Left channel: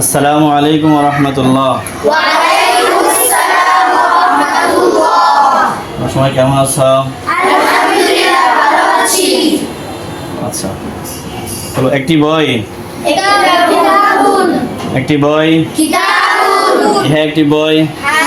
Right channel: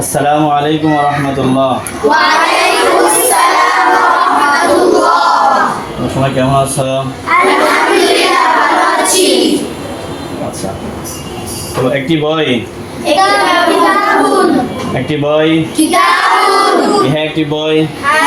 আসসালামু আলাইকুম ওয়া রাহমাতুল্লাহ। ওয়া আলাইকুম আসসালাম ওয়া রাহমাতুল্লাহ। তোমরা সবাই কেমন আছো? আলহামদুলিল্লাহ ভালো আছি। আচ্ছা, তো একটি বই, কিতাবুন একটি বই, কিতাবুন ইহা একটি বই,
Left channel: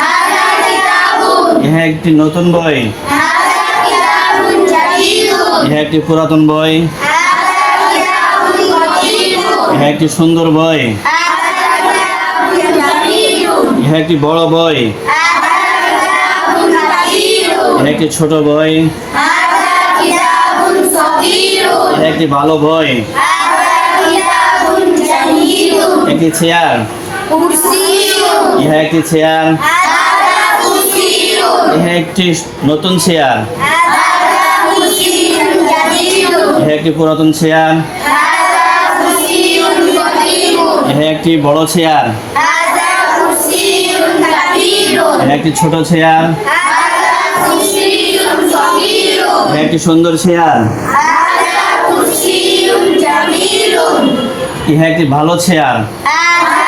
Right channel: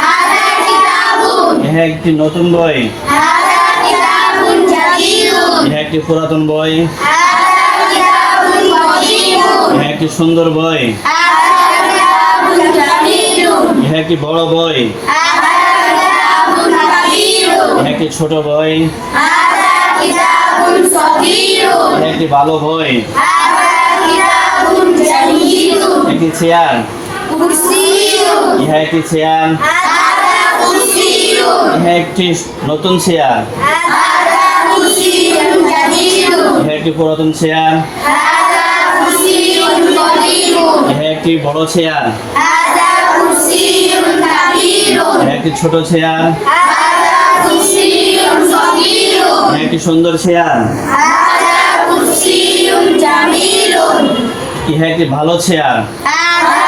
হাযা কিতাবুন ইহা একটি নতুন বই, হাযা কিতাবুন জাদীদুন ইহা একটি পুরাতন বই, হাযা কিতাবুন কদীমুন ইহা একটি সুন্দর বই, হাযা কিতাবুন জাদীদুন ইহা একটি বড় বই, হাযা কিতাবুন কাবীরুন ইহা একটি ছোট বই, হাযা কিতাবুন সগীরুন ইহা একটি ভালো বই, হাযা কিতাবুন জাদীদুন একটি চেয়ার, কুরসিয়ুন ইহা একটি চেয়ার, হাযা কুরসিয়ুন ইহা একটি নতুন চেয়ার, হাযা কুরসিয়ুন জাদীদুন ইহা একটি পুরাতন চেয়ার, হাযা কুরসিয়ুন কদীমুন ইহা একটি বড় চেয়ার, হাযা কুরসিয়ুন কাবীরুন ইহা একটি ছোট চেয়ার, হাযা কুরসিয়ুন সগীরুন ইহা একটি সুন্দর চেয়ার, হাযা কুরসিয়ুন জামিলুন ইহা একটি ভালো চেয়ার, হাযা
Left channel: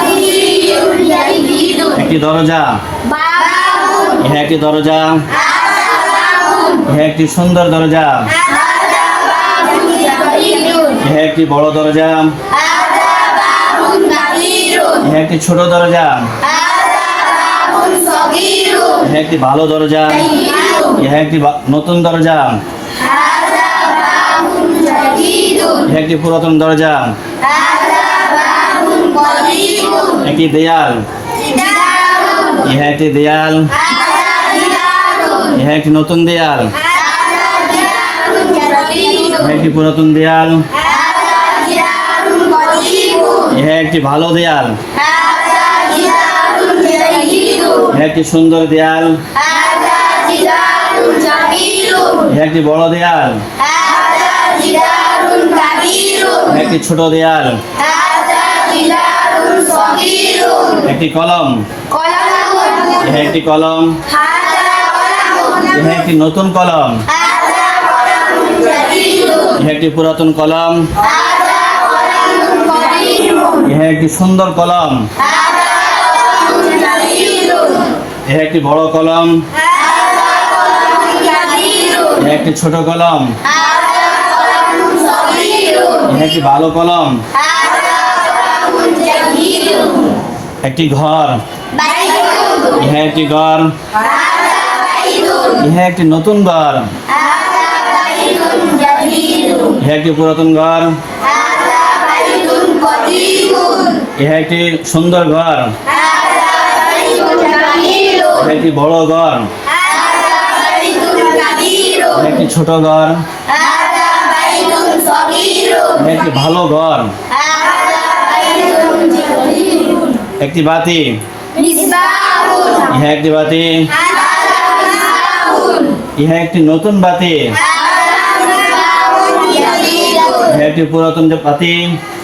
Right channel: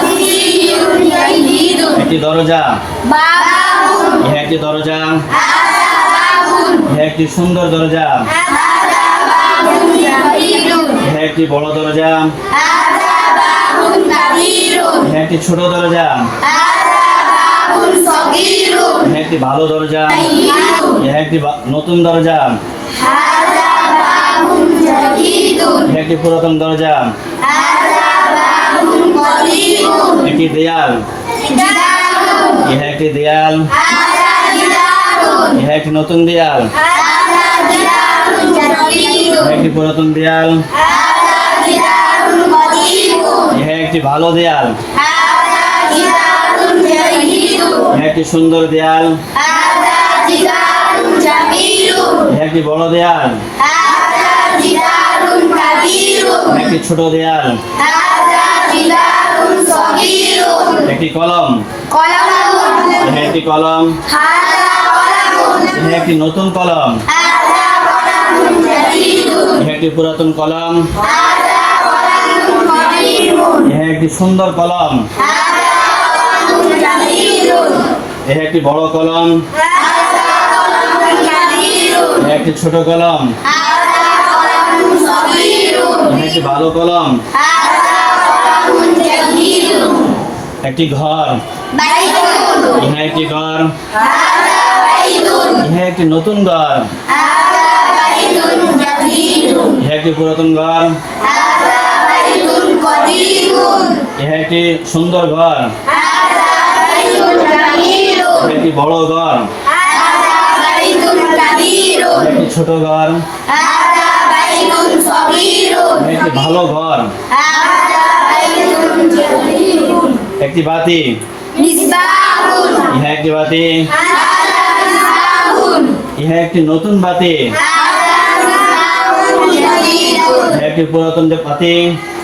কুরসিয়ুন জাদীদুন একটি দরজা, বাবুন ইহা একটি দরজা, হাযা বাবুন ইহা একটি সুন্দর দরজা, হাযা বাবুন জাদীদুন ইহা একটি বড় দরজা, হাযা বাবুন কাবীরুন ইহা একটি ছোট দরজা, হাযা বাবুন সগীরুন ইহা একটি ভালো দরজা, ইহা একটি নতুন দরজা, হাযা বাবুন জাদীদুন ইহা একটি পুরাতন দরজা, হাযা বাবুন কদীমুন একটি দেয়াল, কিতাবুন ইহা একটি দেয়াল, হাযা কিতাবুন ইহা একটি নতুন দেয়াল, হাযা কিতাবুন জাদীদুন ইহা একটি পুরাতন দেয়াল, হাযা কিতাবুন কদীমুন ইহা একটি ভালো দেয়াল, হাযা কিতাবুন জাদীদুন ইহা একটি সুন্দর দেয়াল, হাযা কিতাবুন জামিলুন ইহা একটি বড় দেয়াল, হাযা কিতাবুন কাবীরুন ইহা একটি ছোট দেয়াল, হাযা কিতাবুন সগীরুন একটি কলম, কলামুন ইহা একটি কলম, হাযা কলামুন ইহা একটি নতুন কলম, হাযা কলামুন জাদীদুন ইহা একটি পুরাতন কলম, হাযা কলামুন কদীমুন ইহা একটি সুন্দর কলম, হাযা কলামুন জাদীদুন ইহা একটি বড় কলম, হাযা কলামুন জাদীদুন ইহা একটি ছোট কলম, হাযা কলামুন সগীরুন ইহা একটি ভালো কলম, হাযা কলামুন জাদীদুন একটি ঘর, বাইতুন ইহা একটি ঘর, হাযা বাইতুন ইহা একটি নতুন ঘর, হাযা বাইতুন জাদীদুন ইহা একটি পুরাতন ঘর, হাযা বাইতুন কদীমুন ইহা একটি সুন্দর ঘর, হাযা বাইতুন জামিলুন ইহা একটি বড় ঘর, হাযা বাইতুন কাবীরুন ইহা একটি ছোট ঘর, হাযা বাইতুন সগীরুন ইহা একটি ভালো ঘর, হাযা বাইতুন জাদীদুন একটি বাতি, মিসবাহুন ইহা একটি বাতি, হাযা মিসবাহুন ইহা একটি নতুন বাতি, হাযা মিসবাহুন জাদীদুন ইহা একটি পুরাতন বাতি,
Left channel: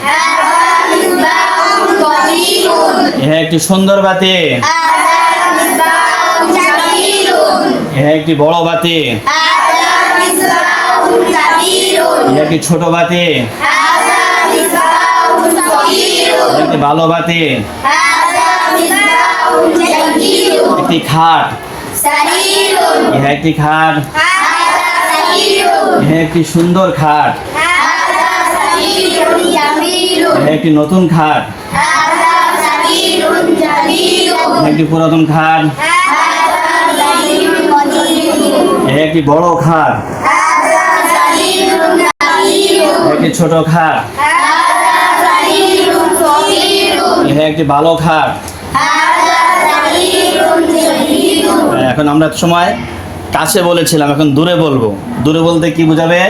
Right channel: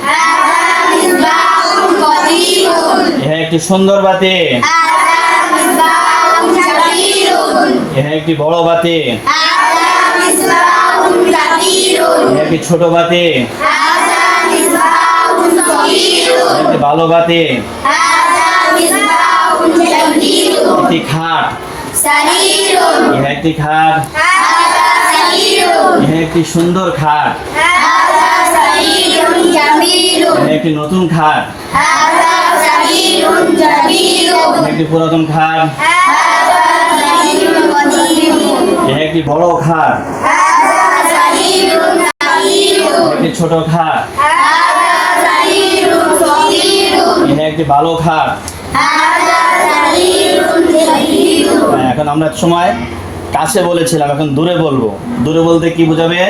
হাযা মিসবাহুন কদীমুন ইহা একটি সুন্দর বাতি, হাযা মিসবাহুন জাদীদুন ইহা একটি বড় বাতি, হাযা মিসবাহুন কাবীরুন ইহা একটি ছোট বাতি, হাযা মিসবাহুন সগীরুন ইহা একটি ভালো বাতি, হাযা মিসবাহুন জাদীদুন একটি খাট, সারীরুন ইহা একটি খাট, হাযা সারীরুন ইহা একটি সুন্দর খাট, হাযা সারীরুন জামিলুন ইহা একটি নতুন খাট, হাযা সারীরুন জাদীদুন ইহা একটি পুরাতন খাট, হাযা সারীরুন কদীমুন ইহা একটি বড় খাট, হাযা সারীরুন কাবীরুন ইহা একটি ছোট খাট, হাযা সারীরুন সগীরুন ইহা একটি ভালো খাট। হাযা সারীরুন জাদীদুন এখন আমরা এক সময় কাছে বলেছিলাম, এখন দূরে বলবো। দূরে বলতে কি বোঝাবে?